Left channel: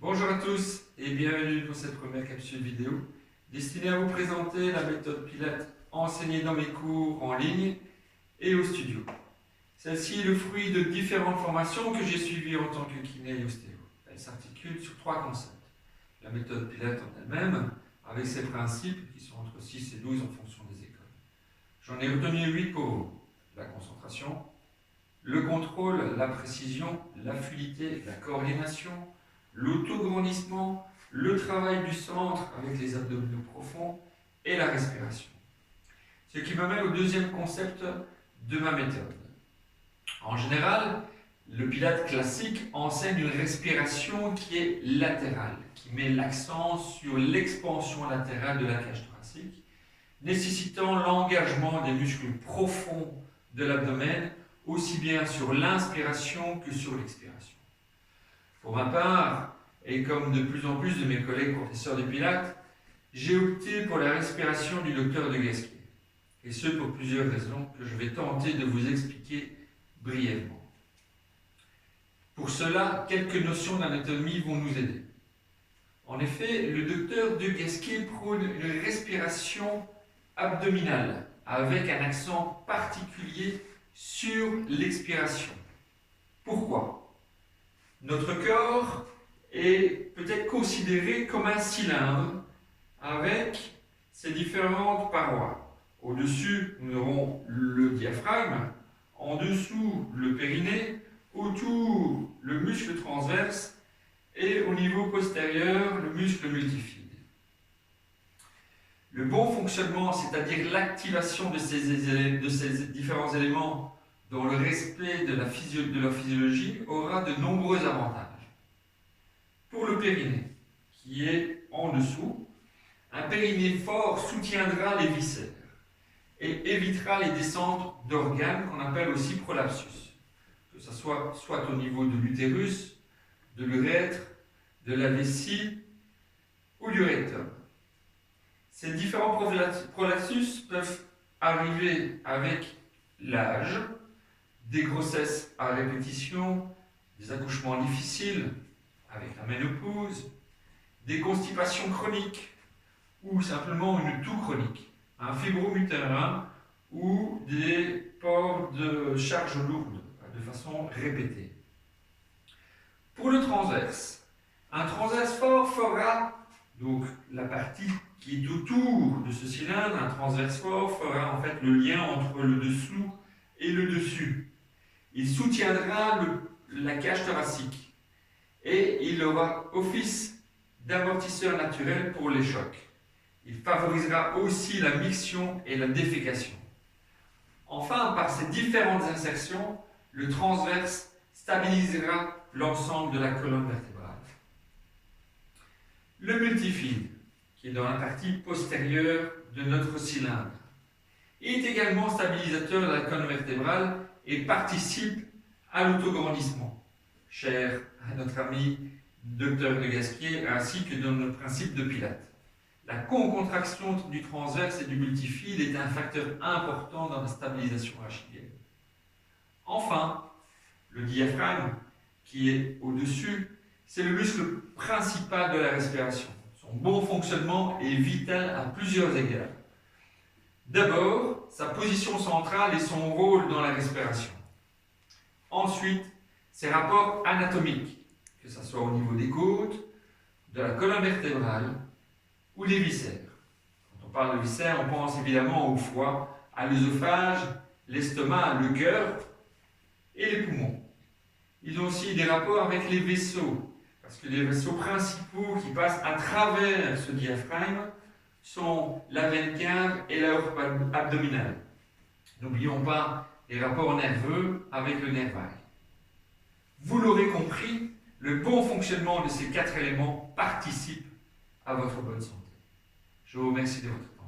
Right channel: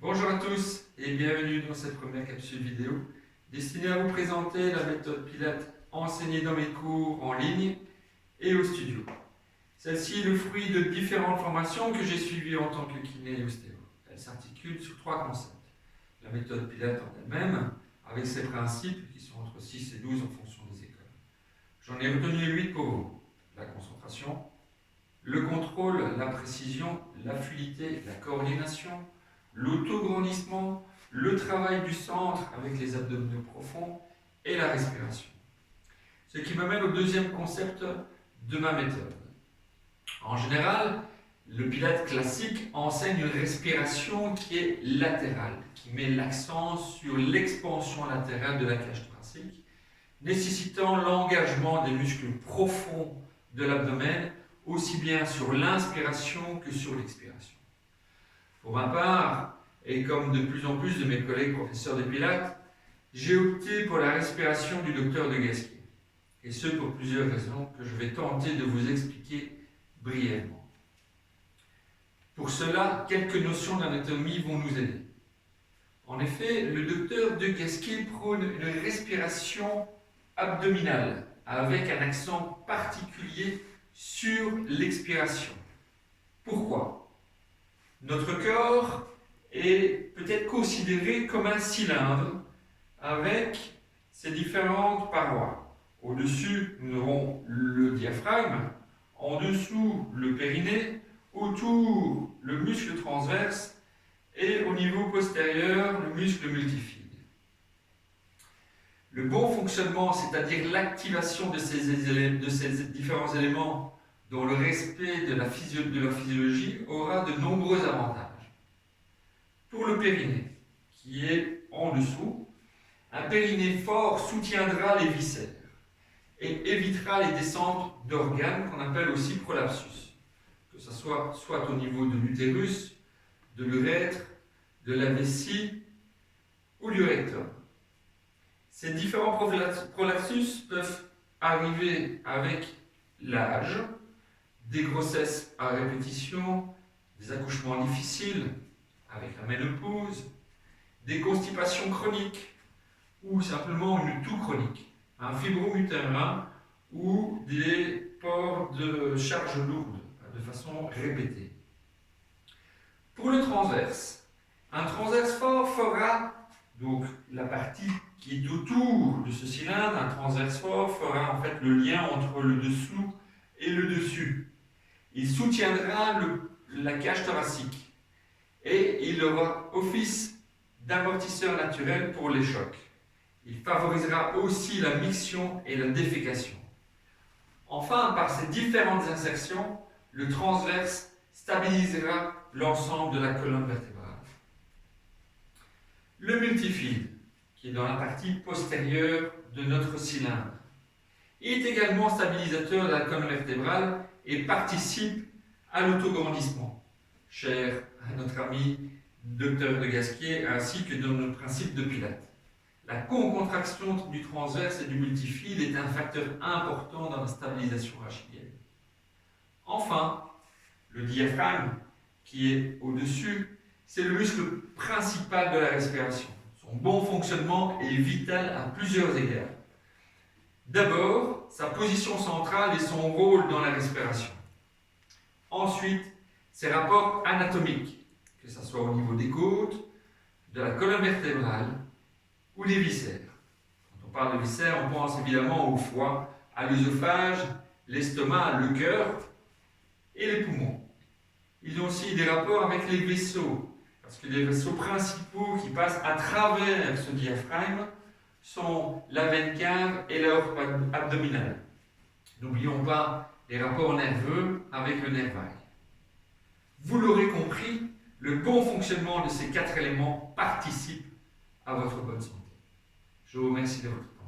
Bonjour à tous et bienvenue dans cette première capsule vidéo destinée à vous présenter la méthode Pilates enseignée dans mes cours en ligne et au studio. Celle-ci est le fruit de différentes formations que j'ai suivies en tant que kiné et ostéo. Elle s'articule sur 3 concepts. La méthode Pilates en elle-même, avec ses principes qui sont entre 6 et 12 en fonction des écoles. J'en ai retenu 8 pour vous. La concentration, le contrôle, la précision, la fluidité, la coordination, l'autograndissement, le travail du centre avec les abdominaux profonds et la respiration. Ce qui m'amène au deuxième concept de ma méthode. En général, le Pilates classique enseigne une respiration qui est latérale, qui met l'accent sur l'expansion latérale de la cage thoracique, nécessitant l'engagement des muscles profonds de l'abdomen, aussi bien sur l'inspiration que sur l'expiration. Pour ma part, et comme de plus en plus de mes collègues professeurs de Pilates, j'ai opté pour la respiration du docteur de Gasquier. Et ce pour plusieurs raisons que je vais tenter de vous expliquer brièvement. Pour cela, quelques notions d'anatomie vont nous aider. En effet, le docteur de Gasquier prône une respiration abdominale avec un accent particulier sur l'expiration. Pourquoi ? Notre corps est peut-être considéré comme un cylindre avec ses différentes parois. Au-dessus, nous aurons le diaphragme, en dessous, le périnée, autour, le muscle transverse et au niveau postérieur, le muscle multifide. Le bon fonctionnement, c'est-à-dire l'activation de ces différents éléments dans le respect de leur physiologie, aura de nombreux avantages. Pour le périnée, qui est en dessous, un périnée fort soutiendra les viscères et évitera les descentes d'organes qu'on appelle aussi prolapsus, que ce soit au niveau de l'utérus, de l'urètre, de la vessie ou du rectum. Ces différents prolapsus peuvent arriver avec l'âge, des grossesses à répétition, des accouchements difficiles avec la ménopause, des constipations chroniques ou simplement une toux chronique, un fibrome utérin ou des ports de charge lourde de façon répétée. Pour le transverse, un transverse fort fera donc la partie qui est autour de ce cylindre, un transverse fort fera en fait le lien entre le dessous et le dessus. Il soutiendra la cage thoracique et il aura office d'amortisseur naturel pour les chocs. Il favorisera aussi la miction et la défécation. Enfin, par ces différentes insertions, le transverse stabilisera l'ensemble de la colonne vertébrale. Le multifide, qui est dans la partie postérieure de notre cylindre, est également stabilisateur de la colonne vertébrale et participe à l'autograndissement, cher à notre ami docteur de Gasquier, ainsi que dans le principe de Pilates. La concontraction du transverse et du multifide est un facteur important dans la stabilisation achillienne. Enfin, le diaphragme, qui est au-dessus, c'est le muscle principal de la respiration. Son bon fonctionnement est vital à plusieurs égards. D'abord, sa position centrale et son rôle dans la respiration. Ensuite, ses rapports anatomiques, que ce soit au niveau des côtes, de la colonne vertébrale ou des viscères. Quand on parle de viscères, on pense évidemment au foie, à l'œsophage, l'estomac, le cœur et les poumons. Ils ont aussi des rapports avec les vaisseaux, parce que les vaisseaux principaux qui passent à travers ce diaphragme sont la veine cave et l'aorte abdominale. N'oublions pas les rapports nerveux avec le nerf vague. Vous l'aurez compris, le bon fonctionnement de ces 4 éléments participe à votre bonne santé. Je vous remercie de votre attention.